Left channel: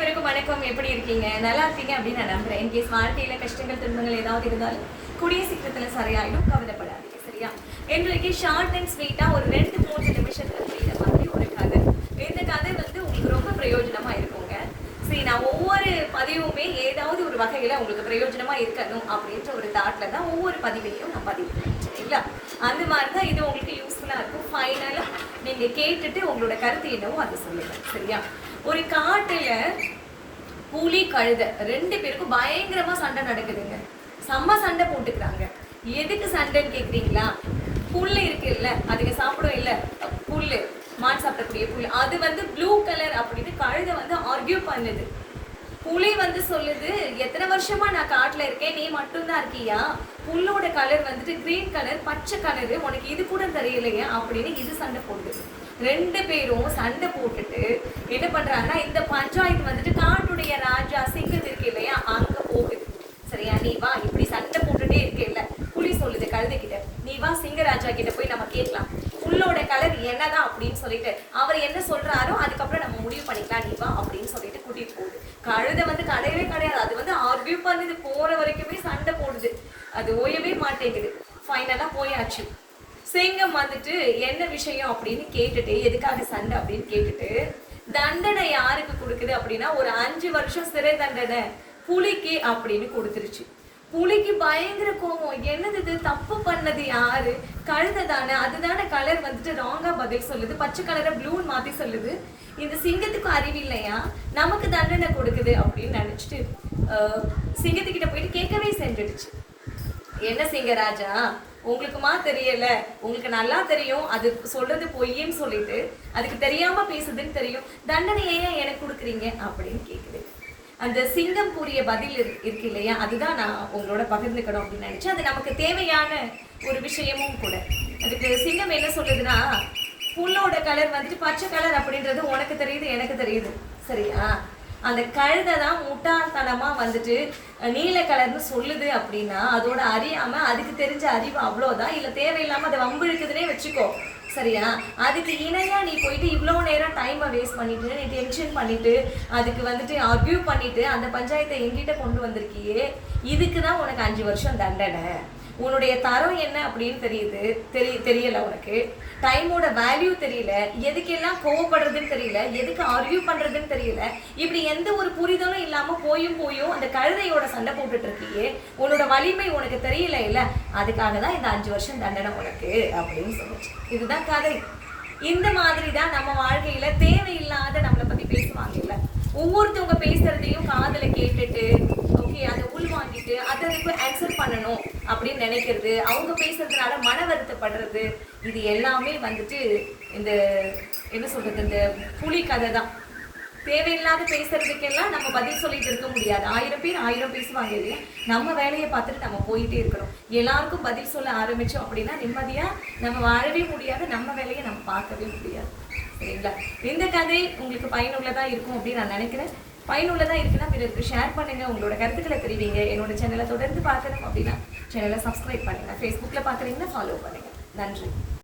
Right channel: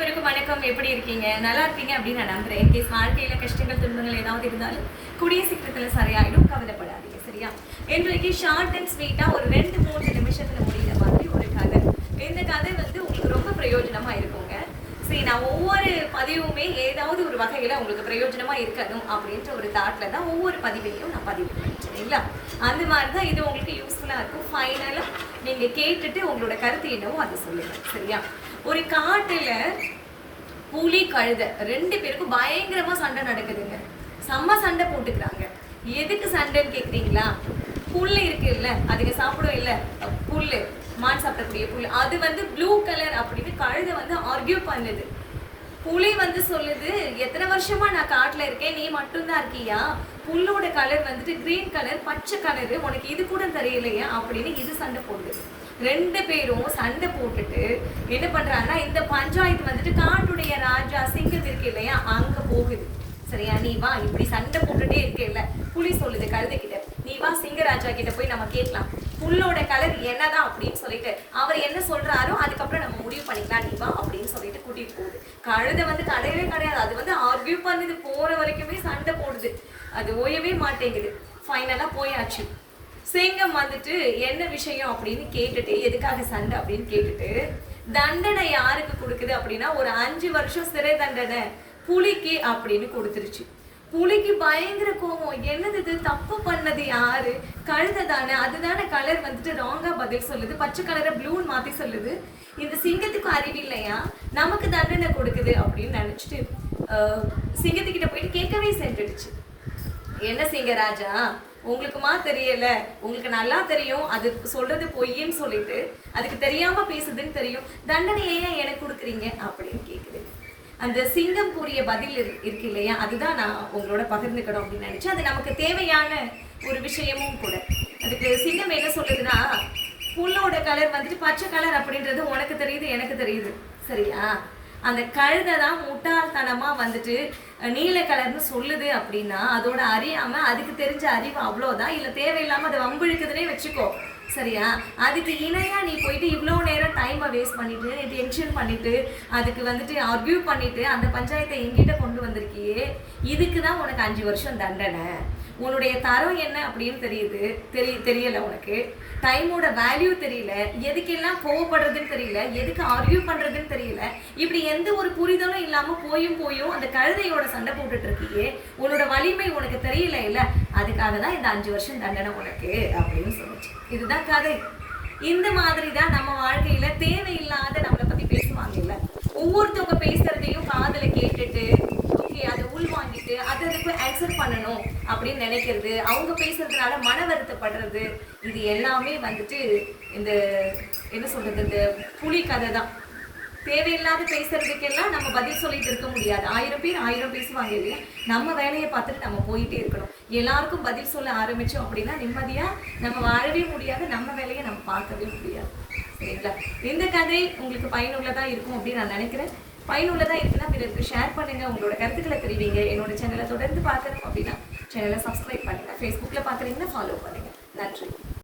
அனைவருக்கும் வணக்கம். எப்படி இருக்கீங்க? நல்லா இருக்கீங்க அப்படின்னு நான் நம்புறேன். இன்கேஸ் வாழ்க்கையில கஷ்டங்கள் துன்பங்கள் ஏதாவது இருந்தாலும் கூடிய சீக்கிரத்துல சரியாயிடும், கவலைப்படாதீங்க. சரியா? எங்களுக்கு ஷார்ட் அண்ட் ஸ்வீட்டா ஒரு 2-3 நிமிஷத்துல முடிகிற மாதிரி ஒரு கதை. இந்த கதை வந்து உங்களுக்கு ரொம்ப பிரயோஜனமா இருக்குங்க. சரி, நான் ஒவ்வொரு பதிவுமே ஏதாவது ஒரு வகையில உங்களுக்கு பிரயோஜனமா இருக்கணும் அப்படின்ற ஒரு தாட்ல தான் ஒவ்வொரு பதிவையும் நான் பதிவு பண்ணேன். சரிங்களா? அந்த மாதிரிதான் இது உங்களுக்கு யூஸ்ஃபுல்லா இருக்கும். ஃபைனலா நீங்க கேட்டுட்டு உங்களோட கருத்து என்னவோ அதை சொல்லுங்க. சரியா? ஒரு காட்டுல புலி கழுதை 2 பேருக்கும் பயங்கரமா சண்டை நடக்குதுங்க. செம்ம சண்டை போட்டுக்கிறாங்க. எதுக்கு சண்டைன்னு கேக்குறீங்களா? புல்லு இருக்கு இல்ல, அதுக்கு சாப்பிடும் இல்ல, புல்லு மான் சாப்பிடக்கூடிய புல்லு, அது வந்து ப்ளூ கலர் அப்படின்னு கழுதை வந்து ஆர்கியூ பண்ணுது. புலி வந்து சொல்லுது, எத்தனை வருஷமா நான் காட்டுல இருக்கேன், நீ மட்டும்தான் இருக்கியா? புல்லோட கலர் வந்துட்டு கிரீன் கலர், பச்சை கலரு, உனக்கு இது கூட தெரியலையா அப்படின்னு இது சண்டை போடுது. 2 பேரும் சண்டை போட்டுட்டு என்ன பண்றாங்கன்னா, இந்த பஞ்சாயத்து வந்துட்டு காட்டுடைய ராஜா சிங்கம் இருக்கு இல்லையா, அங்க போகுது. சரியா? நீ வா, இப்படி சண்டை போட்டுட்டே இருக்கு இல்ல, புலி சொல்லுது கழுதை கிட்ட, நீ வா சிங்கராஜா கிட்ட போய் நம்ம கேட்கலாம், புல்லோட கலர் என்னதான் அப்படின்னு சொல்லிட்டு அவர் என்ன சொல்றாரோ அதுக்கப்புறம் நம்ம முடிவு பண்ணிக்கலாம், நீ வா அப்படின்னு சொல்லிட்டு கூட்டிட்டு போகுது. கழுதை வந்து கிடையவே கிடையாது, அது வந்து ஆர்கியூ பண்ணுது, போற வரைக்குமே சண்டை போடுது, அது ஓயவே மாட்டேங்குது. ஃபைனலா போயாச்சு. சிங்கம் வந்துட்டு என்ன விஷயம் அப்படின்னு கேட்டுட்டு, எதுக்காக சண்டை அப்படின்னு கேட்டுட்டு, தண்டனை யாருக்கு கொடுக்குது அப்படின்னா ஒரு 5 வருஷம் சிறை தண்டனை புலிக்கு அப்படின்னு கொடுத்துருச்சு. புலிக்கு பயங்கர கோபம், என்னது இது, தப்பு பண்ணது யாரு? கழுதை தானே, அதுதானே கலர் வந்துட்டு ராங்கா பதில் சொல்லுது, பச்சை கலரை ப்ளூன்னு மாத்தி சொல்லுது, இந்த சிங்கத்துக்கு அறிவு இல்லையா, நமக்கு தண்டனை கொடுக்குது அப்படின்னு நினைச்சிட்டு சிங்கத்துக்கிட்ட போயிட்டு கேட்கவே செஞ்சிடுச்சு. என்ன சிங்கராஜா, உங்களுக்குமா தெரியல, உங்களுக்கு நல்லா தெரியும் அது சொல்றது பொய்ன்னு சொல்லிட்டு அதுக்கு தெரியாம பேசுதுன்னு தெரியும், தண்டனை ஏன் எனக்கு கொடுக்குறீங்க அப்படின்னு கேக்குது. அந்த சிங்கம் கூறிய பதில் இருக்கு இல்லையா, அதுதான் நான் உங்களோட பகிர்ந்துக்கணும் அப்படின்னு நினைச்சேன். அது நமக்கு தேவையான ஒரு விஷயமும் கூட. அதுக்கு சிங்கம் என்ன சொல்லுதுன்னா, புல்லோட கலர் வந்துட்டு பச்சை கலர் அப்படின்றது உனக்கு தெரியுது, எனக்கு தெரியுது. சரியா? அந்த கழுதை தான் முட்டாள்தனமா வந்துட்டு நீல கலர்னு சொல்லுது அப்படின்னா அதோட அறியாம அதுக்கு தெரிஞ்ச அறிவு அவ்வளோதான், இல்லை தேவையில்லாம அதை வம்பிழுக்குதுன்னே வச்சுக்கோ. சரியா? அதுக்கு இணையா நீ போயிட்டு இவ்வளோ நேரம் டைமை வேஸ்ட் பண்ணிட்டு, நீ டென்ஷன் பண்ணிட்டு, அதுக்கு வந்துட்டு ஆர்கியூ பண்ணிட்டு அந்த பஞ்சாயத்தை எங்கிட்ட கொண்டு வந்திருக்கியே, இதுக்கு தான் உனக்கு 5 வருஷம் தண்டனை. உன்னுடைய தரம் என்ன அப்படின்னு தெரியல, உனக்கு டைமோட வேல்யூ தெரியல, எதுக்கெல்லாம் கோவப்படுறதுன்னு தெரியல, எதுக்கு ஆர்கியூ பண்றதுன்னு தெரியல, இப்படி எந்த ஒரு புரிதலும் இல்லாம போயும் அந்த கழுதையோட சண்டை போட்டுட்டு இருக்கியே, உன்னோட வலிமை உனக்கு தெரியல இல்ல, அதுக்காக தான் இந்த 5 வருஷம் தண்டனை உனக்கு அப்படின்னு சொல்லுச்சு. இதுதான் கதை. இந்த மாதிரி தான் நம்ம வாழ்க்கையில தேவையில்லாத நம்மளை பத்தி பேசுவாங்க இல்ல, ஒவ்வொருத்தவங்க பேசுறதையும் காதுல கேட்டுட்டு அதை உள்வாங்கிட்டு அதற்கு ஆன்சர் பண்ணணும் அப்படின்னு நினைக்கிறது, அவங்க பேசுறதுனால மன வருத்தப்படுறது, இது எல்லாமே வந்துட்டு இந்த என்ன சொல்றது, இந்த புலி கதை தான். தேவையில்லாத பேசுறதுக்கெல்லாம் நம்ம பதில் சொல்லிட்டு இருக்க முடியாது. 1000 பேர் 1000 பேசுவாங்க இல்லையா, நம்ம வேலையை பார்த்துட்டு நம்ம போயிட்டே இருக்கணும். எல்லாருக்கும் பதில் சொல்ல ஆரம்பிச்சோம் அப்படின்னா நிம்மதியா நம்ம வாழவே முடியாது, நம்ம வேலையை நம்ம பார்க்கவே முடியாது. சரிங்களா? இந்த கதை உங்களுக்கு பயனுள்ளதா இருக்கும் அப்படின்னு நான் நினைக்கிறேன். பயனுள்ளதா இருக்குன்னா பிறருக்கு ஷேர் பண்ணுங்க, உங்களோட கருத்துக்களை தெரிவிங்க. என்னோட சேனலை தொடர்ந்து பார்க்கணும் அப்படின்னா சேனலை சப்ஸ்கிரைப் பண்ணுங்க. ஃபேஸ்புக்கில் பார்க்குறீங்கன்னா ஃபாலோ பண்ணுங்க. நன்றி.